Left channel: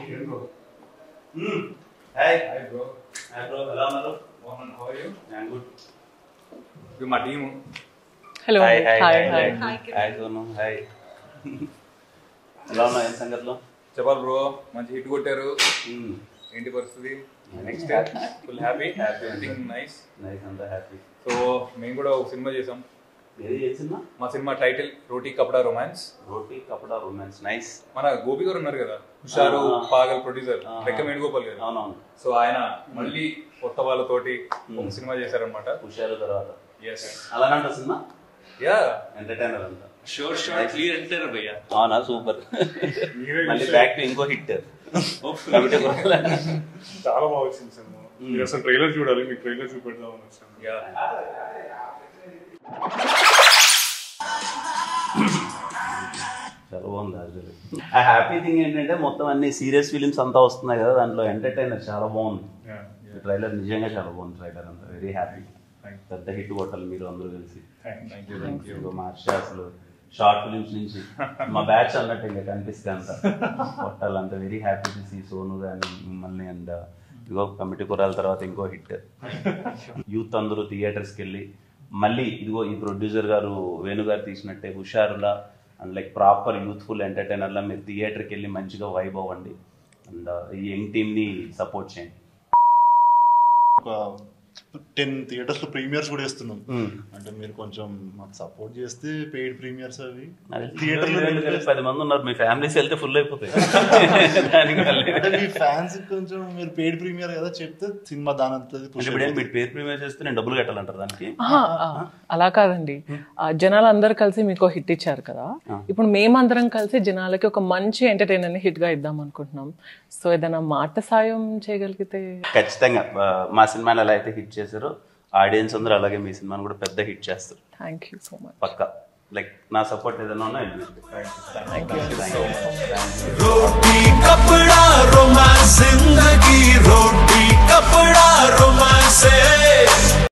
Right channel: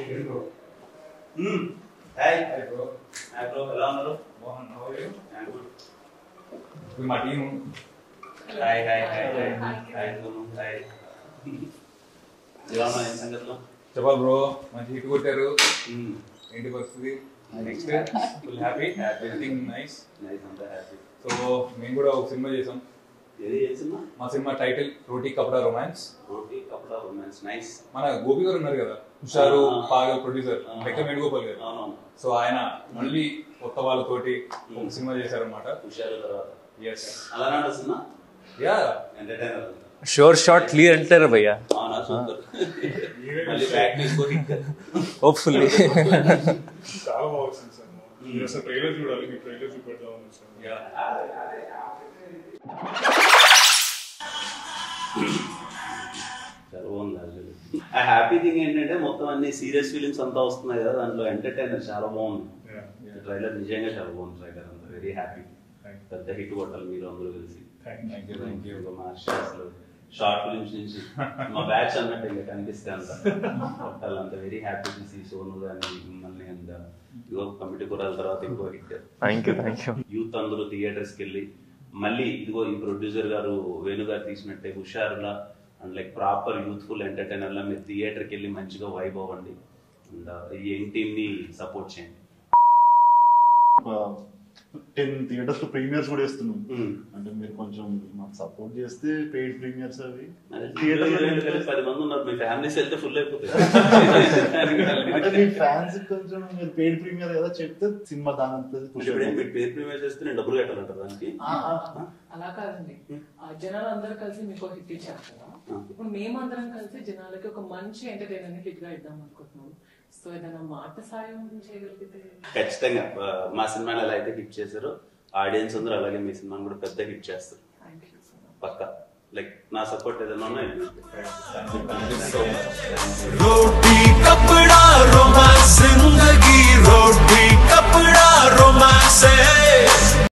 Hi. Hi bro. Hi bro. Hello. Mohan, how are you? I'm good. We my team. Hello. Hi. Hi. Sonu. Hi. ఎలా ఉన్నా ఏం సంగతిలో చెప్పాలి bro మంచి hit కొట్టారు ఏంటి పరిస్థితి next full happy everything nice అంతా హ్యాపీ సో మేము కూడా ఒక సినిమా చేసాం ఏ సినిమా మా సినిమా టైటిల్ రోటీ కపడా రొమాన్స్ నైస్ మన గోపి గారు ఉన్నారు కదా హుషారు పాగల్ ప్రొడ్యూసర్ లెక్క వేణుగోపాల్ గారు అవునవును సో ఆయన మళ్ళీ కొత్త వాళ్ళతోటి ఒక సినిమా చేశారనమాట హుషారు తర్వాత ఎస్ అలాంటి సినిమా యా ఎంటర్టైనర్ అంతా షోర్ షార్ట్ క్లియర్ అంటారు భయ్యా అవునా సూపర్ మళ్ళీ బ్యాక్ ఇంకో హిట్ హోప్ఫుల్లీ చాలా బాగా వచ్చింది సినిమా మీరు అసలు ట్రైలర్ చూడాలి మీకు ట్రైలర్ చూపెడతాం చాలా బాగుంది ఆ హ్యాపీ థింగ్ ఏంటంటే మొత్తం అన్ని సీరియస్ ఫిలిమ్స్ అంతా వస్తున్నాయి కదా దాంట్లో ఎంటర్టైనర్ చాలా బాగుంది ట్రైలర్ నిజంగా చాలా బాగుంది ట్రైలర్ అంతా వెరీ హ్యాపీ పెద్ద హిట్ కొట్టాలి మీరు అందరూ కలిసి మా అసలు షార్ట్ ఫిలిమ్స్ నుంచి మా బ్యాచ్ అన్నట్టు ఇంకా కనిపిస్తే అంత కొట్టాలి అంత very happy to see Sonu కానీ మిమ్మల్ని అండ్ ఇగో కమిటీ కురాల తర్వాత ఇంకో హిట్ యూత్ అందరూ థియేటర్స్కి వెళ్ళి మళ్ళీ ఇదిగో ఈ ప్రొడ్యూసర్ గారు వేణు గారు తీసినట్టే హుషారులా అండ్ లైక్ ప్రాపర్ యూత్ఫుల్ ఎంటర్టైనర్లా మీరు థియేటర్కి వెళ్ళి మంచిగా వైబ్ అవ్వండి అండ్ ఈ యంగ్ టీమ్ని సపోర్ట్ చేయండి 10 థియేటర్స్ లో ప్రీమియర్స్ కూడా వేస్తున్నాం అంటే మీరు కొంచెం మాకు సపోర్ట్ చేస్తే పెయిడ్ ప్రీమియర్స్ అవి థియేటర్ 10 మంది ఉన్నారు మీ ఫ్యామిలీస్ వెళ్తే ఫుల్ అయిపోతాయి అంటే మీ ఫ్యాన్స్ కొంచెం మీరు పెయిడ్ ప్రీమియర్ కదా చెప్తే సినిమా దాని ఇప్పుడు మీరు పెయిడ్ ప్రీమియర్ చేస్తే నేను డబ్బులు కట్టాలంటారు దానికి అలా కాదండి జనాలు అందరు కలిసి మీకు హిట్ ఇచ్చారు కదా ఇప్పుడు మేమందరం కలిసి జనాలకి ఒక మంచి ఎంటర్టైనర్ ని హిట్ గా ఇద్దాం అనుకుంటున్నాం సో ఏదైనా మాట సాయం చేయగలిగితే ఖచ్చితంగా మా సినిమాలు ఎలా అయితే హిట్ చేశారో ఆడియన్స్ అందరూ అలాగే మీ సినిమాని కూడా పెద్ద హిట్ చేస్తారు థ్యాంక్ యూ సో మచ్ పక్కా లైక్ నా సపోర్ట్ ఏదైనా ఉన్నా